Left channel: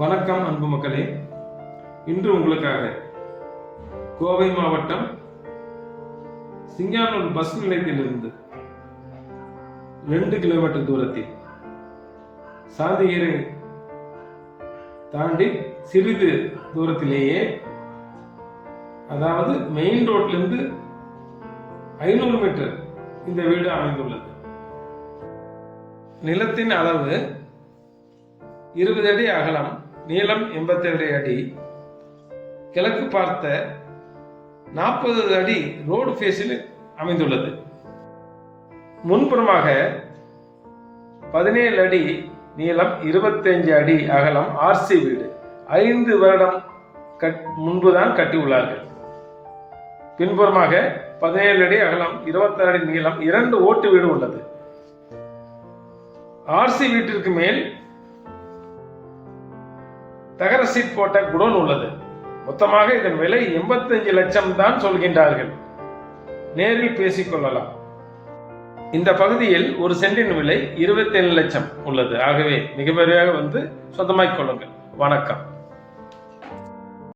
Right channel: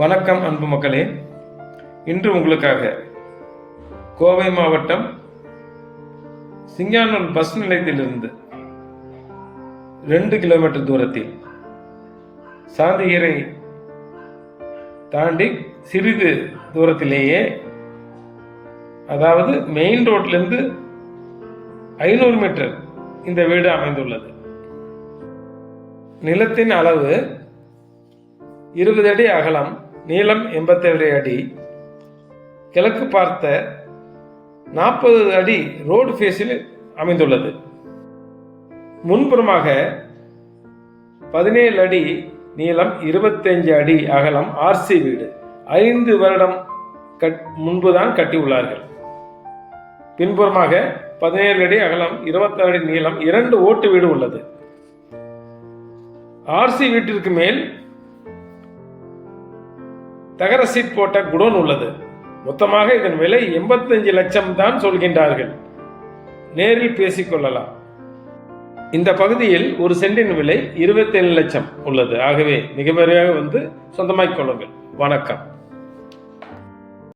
வணக்கம் அன்பு மக்களே. இன்று உங்களுக்காக கோவை மாவட்டம் சிங்கானூர் பஸ் நிலையத்திலிருந்து 2 கிலோமீட்டர் தூரத்தில் சாந்திகரை தாண்டி சிறிது தூரத்திலேயே, அதாவது மெயின் ரோட்லேருந்து 500 மீட்டர் இந்த வீடு அமைந்துள்ளது. நிலத்தின் அளவு 20 அடி அகலம், நீளம் 87 அடி, கிழக்கு பார்த்த 40 அடி ரோடு ஃபேஸில் அமைந்துள்ளது. முன்புறமாக 17 அடி நீளம், 25 அடி அகலம் ஆர்சி வீடு. 5 வருடம் முன்புதான் கட்டியுள்ளார்கள். பின்புறமாக 17 அடி அகலம், 26 அடி நீளம், 2 ஓட்டு வீடு உள்ளது. ஆர்சி வீட்டிற்கு மேல் தகர சீட் போட்ட குடோன் உள்ளது. மொத்தமாக இதன் விலை 85 லட்சம் தான் சொல்கின்றார்கள். நேரில் பேசிக்கொள்ளலாம். இந்த பகுதியில் ஒரு சென்டின் விலை 27 லட்சம் உள்ளது. ஆகவே மிக விரைவாக வந்து சொந்தமாக்கிக் கொள்ளுங்கள். வணக்கம்.